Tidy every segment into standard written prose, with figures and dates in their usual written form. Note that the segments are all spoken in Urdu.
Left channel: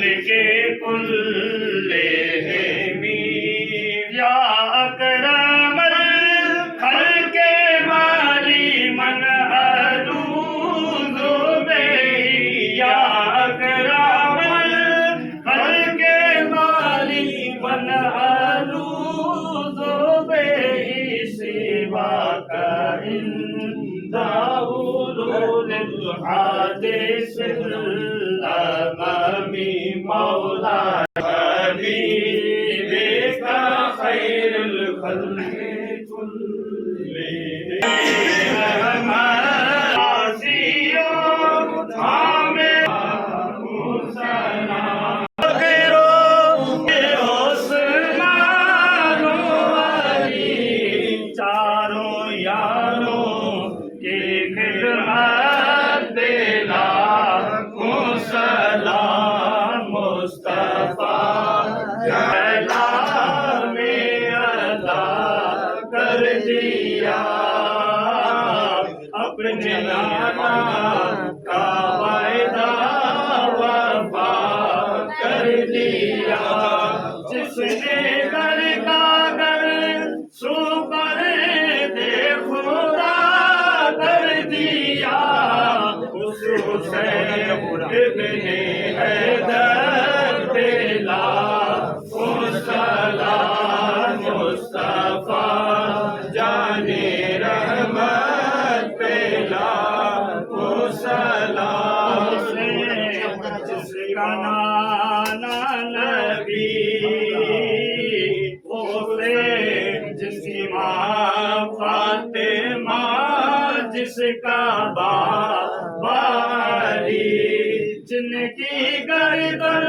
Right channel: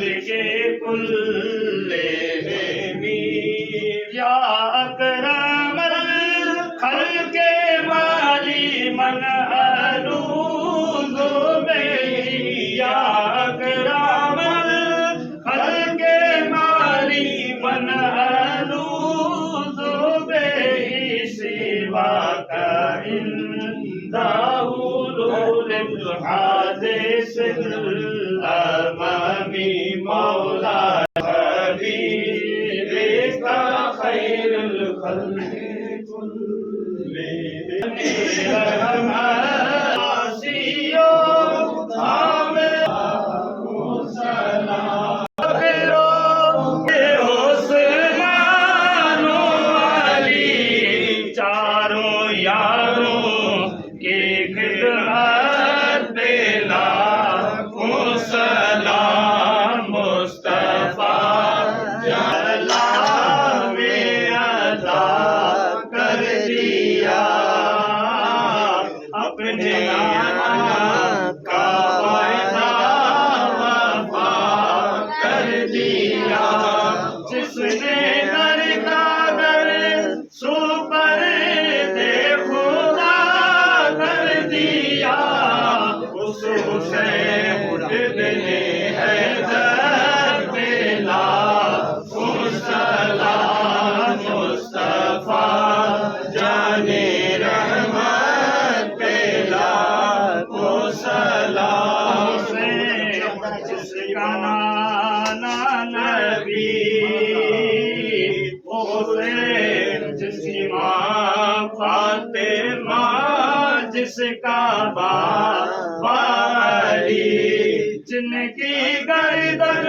کے کل یا اکرم الخلق مالی من الوذ بہ یا اکرم الخلق مالی من الوذ بہ سواک عند حلول الحادث الامام مولا حبیبک خیر الخلق کلہم عاصیوں تھامے سلام عثمان و علی چاروں یاروں کی خدمت پہ لاکھوں سلام مصطفیٰ جلال میں ادا کر دیا اپنے نام کا وعدہ وفا کر دیا جس نے در کا در سو پر دے خدا کر دیا اس حسین ابن حیدر پہ لاکھوں سلام مصطفیٰ جان رحمت پہ لاکھوں سلام جس کا نانا نبی جس کی ماں فاطمہ جس کا باپ علی جن کی گردن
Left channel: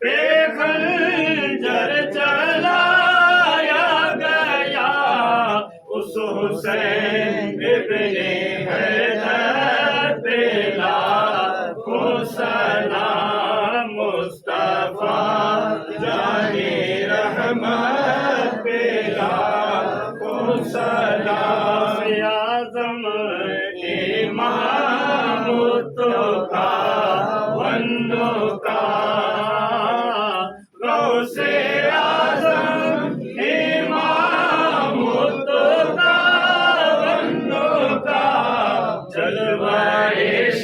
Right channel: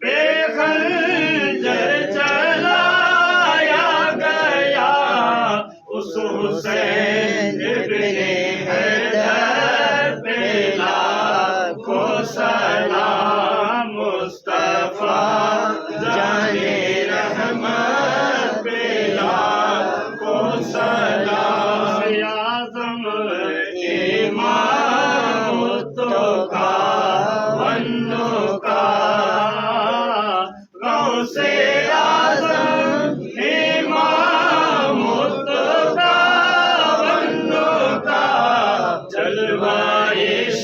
پہ خنجر چلایا گیا اس حسین ابن حیدر پہ لاکھوں سلام مصطفیٰ جان رحمت